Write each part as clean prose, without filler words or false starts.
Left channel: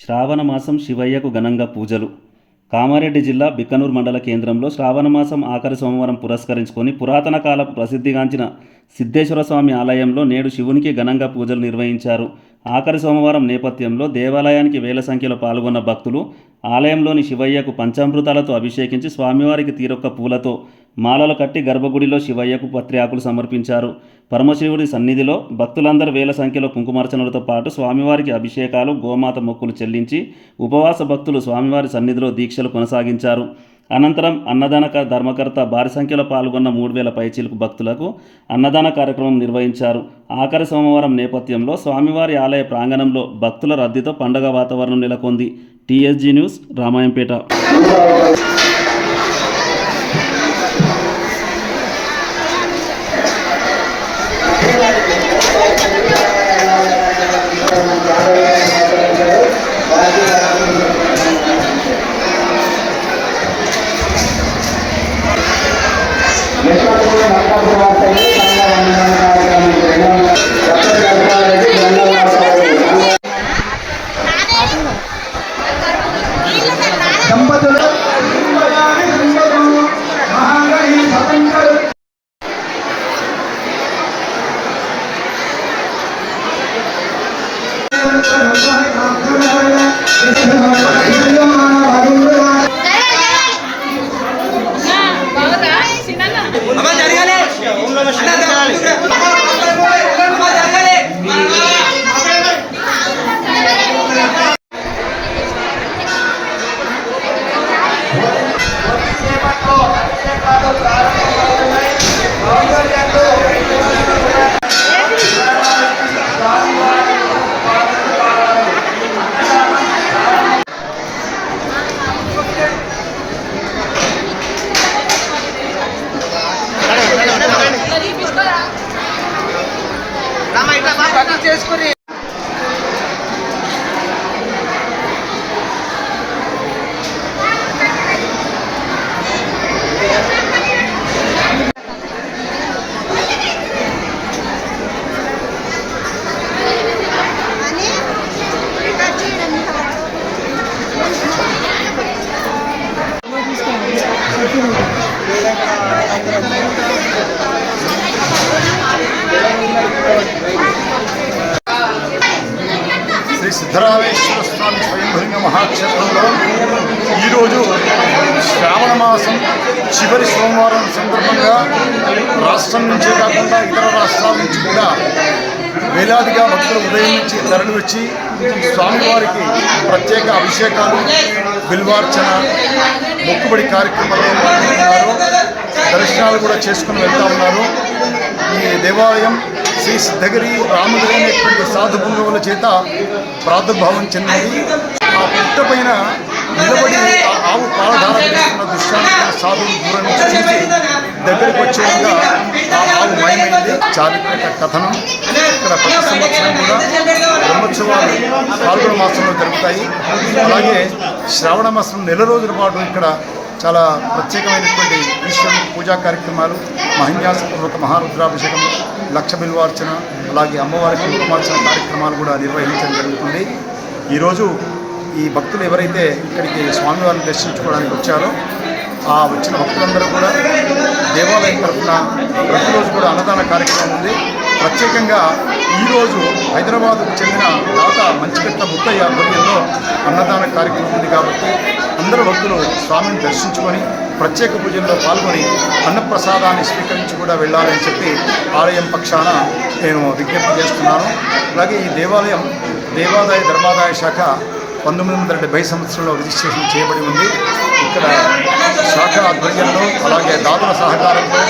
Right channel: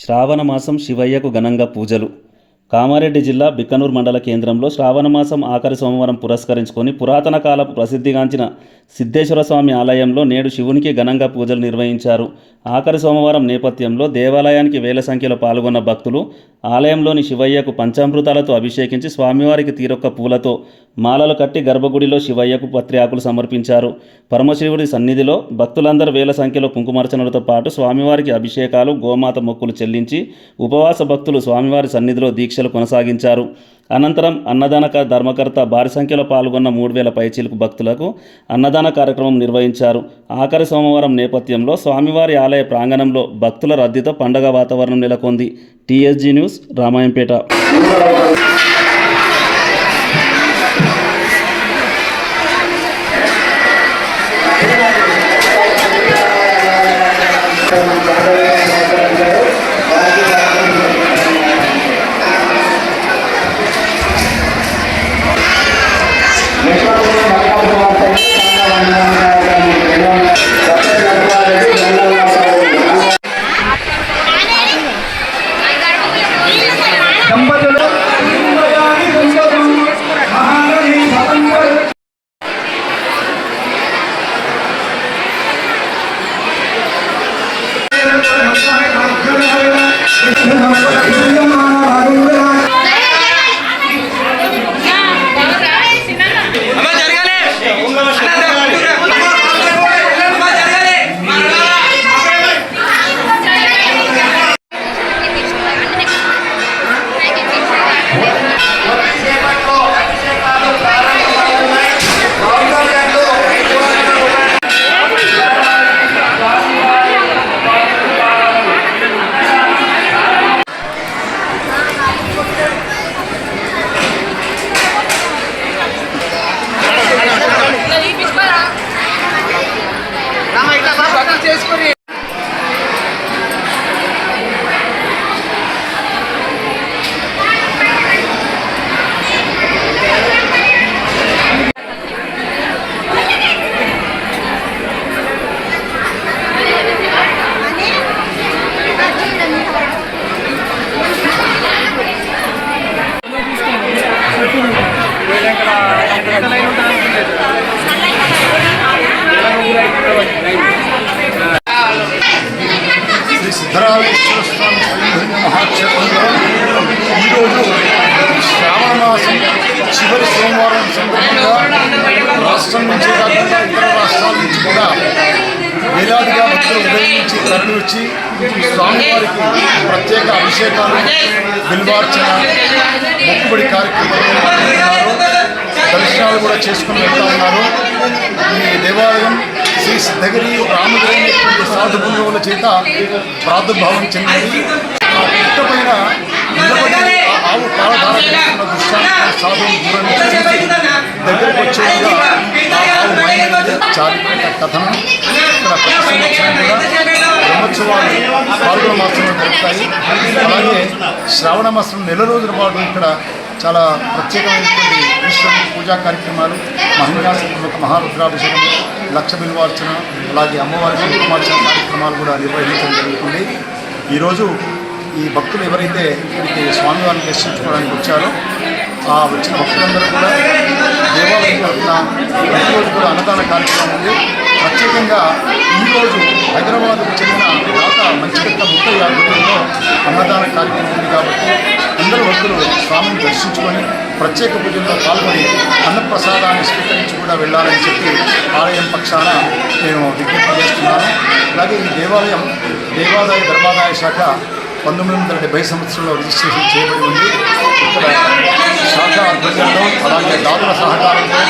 శ్రావణ మాసం శివయ్యకు ఘనంగా పూజలు. కామారెడ్డి జిల్లా బిక్కనూరు మండల కేంద్రంలో శ్రావణమాసం ఆఖరి సోమవారం పురస్కరించుకొని పురాతన కాలపు ప్రసిద్ధిగాంచిన సిద్ధేశ్వర స్వామి ఆలయంలో నేడు శివునికి ఘనంగా పూజలు నిర్వహించారు. ఆఖరి సోమవారం నేపథ్యంలో దేవాలయానికి వేల సంఖ్యలో పాల్గొన్న భక్తులు ఆలయంలోని శివయ్యకు పంచామృతాలతో అభిషేకించి స్వామివారికి తీరొక్క పూలతో మాలలు కట్టి గర్భగుడిలో శివయ్యకు పత్రి ఆకులు సమర్పించారు. పరమశివుడి సన్నిధిలో భక్తులందరూ వేల సంఖ్యలో కుంకుమార్చనలతో పాటు స్వామివారికి అభిషేకాలు, గోమాత మొక్కులు చెల్లించి ఉపవాస భక్తులు స్వామివారి సన్నిధిలో దీక్షలు కొనసాగించారు. అనంతరం అన్నదాన ధర్మకర్త భారీ సంఖ్యలో పాల్గొన్న 3000 పైచిలుకు భక్తులకు అన్నదాన కార్యక్రమం నిర్వహించారు. ఆఖరి సోమవారం నేపథ్యంలో స్వామివారి ఆలయ ప్రాంగణంలో భక్తుల రద్దీతో పండగ వాతావరణం నెలకొంది. TSG news, Ramayampet. శ్రీ సిద్ధరామేశ్వర స్వామి స్వయంభంగ మహాక్షేత్రంలో ఈరోజు శ్రావణ మాసం చివరి సోమవారం సందర్భంగా రాష్ట్రం నుంచే కాకుండా ఇతర రాష్ట్రాల నుంచి కూడా వేలాదిగా భక్తులు ఉదయం నుంచి తరలి వచ్చి స్వామివారికి ప్రత్యేక అభిషేకాలు, బిల్వార్చన, మొక్కుబడి కార్యక్రమాల్లో పాల్గొంటున్నారు. దర్శనాలు కూడా చేసుకుని వెళ్తూ ఉన్నారు. ఈ దేవాలయం శ్రీ సిద్ధగిరి రామగిరి అనేటువంటి సాధు బృందముల చేత ప్రాదుర్భావం చెందింది. ఆ పుట్ట పైన నిలబడి ఆవు పాలధార చేస్తున్న దృశ్యాన్ని సాధువులు దూరం నుంచి చూసి దగ్గరికి వచ్చేట్టుగా ఆ ఆవు మైమైంది. చారిత్రక కథనం ఇక్కడ ప్రతి సంవత్సరం కూడా బ్రహ్మోత్సవాలు పాల్గొన మాసంలో జరుగుతాయి. అలాగే శ్రావణ మాసం నెల రోజుల పాటు ఇక్కడ చాలా ప్రత్యేకమైనటువంటి ఈశ్వరునికి పూజా కార్యక్రమాలు, మహన్యాసపూర్వక మహారుద్రాభిషేకం, లక్ష బిల్వార్చన, అలాగే అమ్మవారికి కుంకుమార్చన కార్యక్రమాలు కూడా నిర్వహించడం జరుగుతుంది. ఈరోజు ఈ భక్తులు ఎవరైతే ఇక్కడికి స్వామివారిని దర్శించుకోవడానికి వచ్చారో ఆ వచ్చిన భక్తులందరూ కూడా దేవాలయం తరఫున ప్రతిరోజు కూడా అన్నదాన కార్యక్రమం ఉంది. ప్రత్యేకంగా ఈరోజు హైదరాబాద్కు చెందిన దాత మంచిపెట్ట ముత్తయ్య ఆధ్వర్యంలో అన్నదాన కార్యక్రమం ఉంది కాబట్టి అందరూ భక్తులు స్వామిని దర్శించుకొని ప్రత్యేక పూజల్లో పాల్గొని అన్నప్రసాదాన్ని స్వీకరించి కూడా వెళ్ళాలని చెప్పి ఆలయం పక్షాన నేను విజ్ఞప్తి చేస్తున్నాను. అలాగే ఈ దేవాలయం దేవాదాయ ధర్మాదాయ శాఖ 1970 సంవత్సరంలో రిజిస్ట్రేషన్ చేయబడి ఉంది. ఇక్కడ శాఖ ఆధ్వర్యంలో అలాగే దాతల సహకారంతో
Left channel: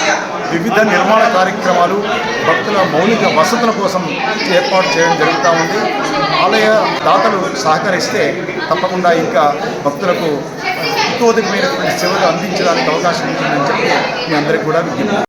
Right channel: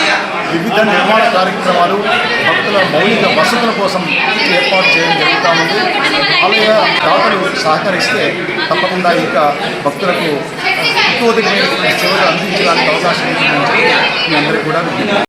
వివిధ నిర్మాణ కార్యక్రమాలు, భక్తుల మౌలిక వసతుల కోసం ఏర్పాటు చేయడం జరుగుతూ ఉంది. ఆలయ దాతలు సహకరిస్తే తప్పకుండా ఇంకా భక్తులకు ఇంకోదికమైనటువంటి సేవలు అందించడానికి అవకాశం ఉంటుందని చెప్పి మీ అందరికీ కూడా విజ్ఞప్తి.